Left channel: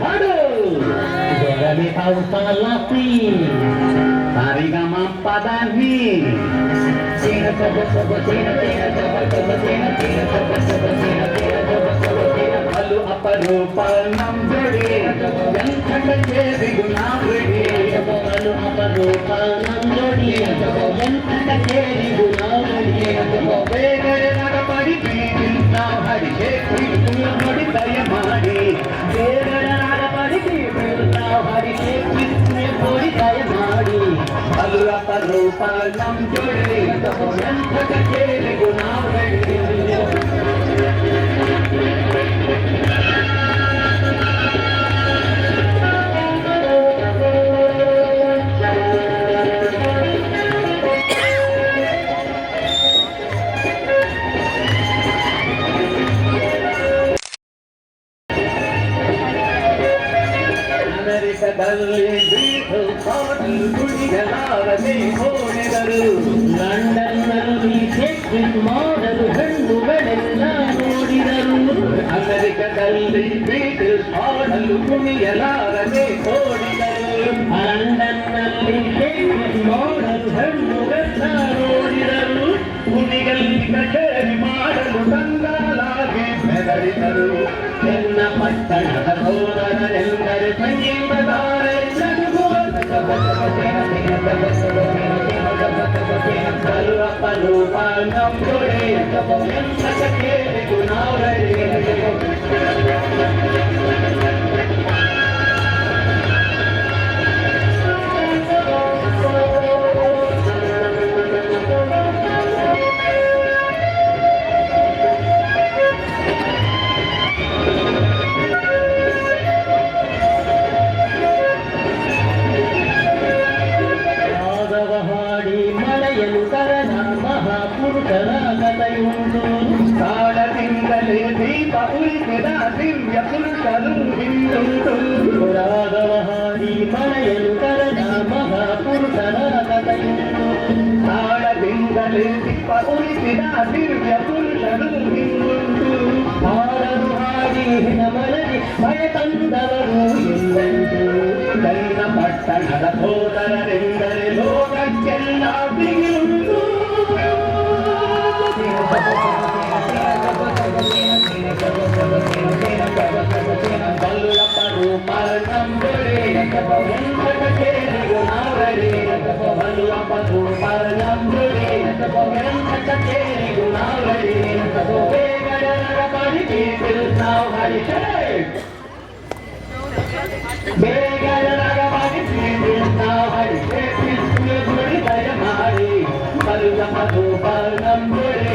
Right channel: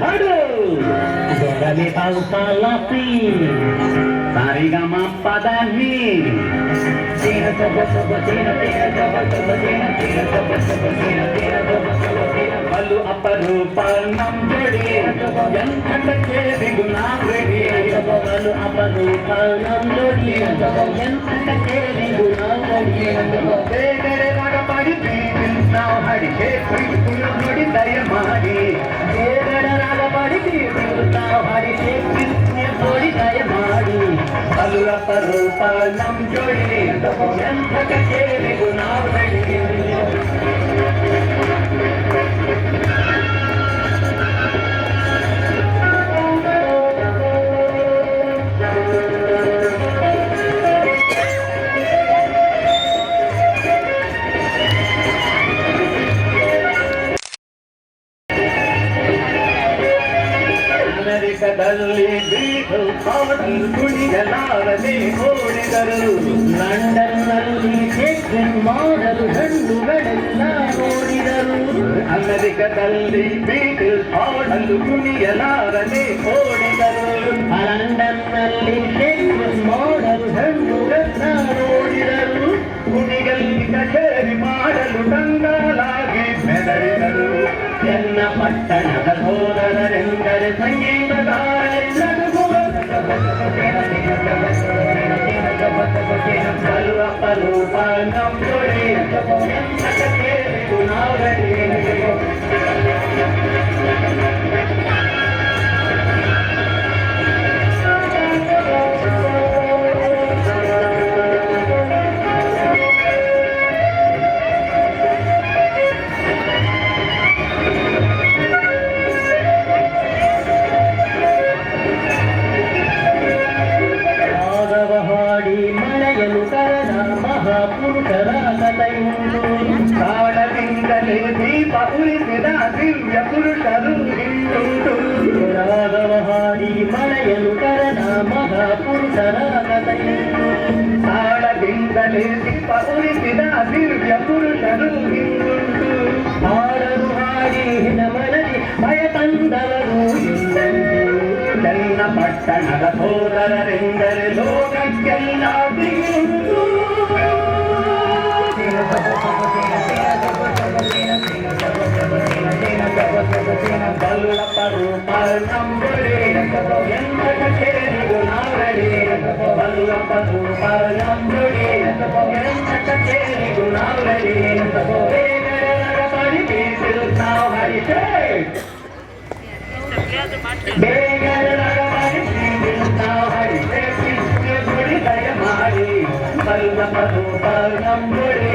hado dari alfalati sarigama padani tina toba toba tina tina toba toba tina tina toba toba tina tina toba toba tina balu aparupanam jodi yanthante bigunavredi balu aparupanam jodi yanthante bigunavredi begare nagapadi now hari shekhi puri daya mari begare nagapadi now hari shekhi puri daya mari balu aparupanam jodi yanthante bigunavredi ಅಮೆರಿಕದಲ್ಲಿ ಬೀಟಲ್ ಪಾಟಿ ಕುಡಿಯಲಾರದೆ ಓಡಿದರು ಲಂಡನ್ನಲ್ಲಿ checking ಮಾಡಲು ಹೆಣ್ಣುಗಳೆಲ್ಲ ನೋಡಿದರು ಅಮೆರಿಕದಲ್ಲಿ ಬೀಟಲ್ ಪಾಟಲು ಕುಡಿಯಲಾರದೆ ಓಡಿದರು ಲಂಡನ್ನಲ್ಲಿ checking ಮಾಡಲು ಹೆಣ್ಣುಗಳೆಲ್ಲ ನೋಡಿದರು ಹುಲಿಗಳಲ್ಲಿ ಕಚೇರಿ ಮಾಡಲು ಕಂಗಾಲಾಗಿ ಬೆದರಿದರು ಎನ್ನ ಪಟ್ಟಣದ ಸೋದರರೆಂದರೆ ಸಂಗೀತಗಾರೆಲ್ಲರಿಗೂ ರೂಪ ನಂಬುಡಿ ಪಟ್ಟಣದ ಸೋದರರೆಂದರೆ ಲೋಕಕ್ಕೆಲ್ಲ ಬಿಗುಂಟು ಬಲ್ಲಪರು ನಂಬುಡಿ ಎಂಬ ಕೇಳಿದು ನಾವರಿ ಬಲ್ಲಪರು ನಂಬುಡಿ ಎಂಬ ಕೇಳಿದು ನಾವರಿ ನಾವು ಹರಿಸೇ ಬೇಗರ ನಾವು ಹರಿಸೇ ಗುಡಿ ದಯ ಮಾಡಿ ಬಲ್ಲಪರು ನಂಬುಡಿ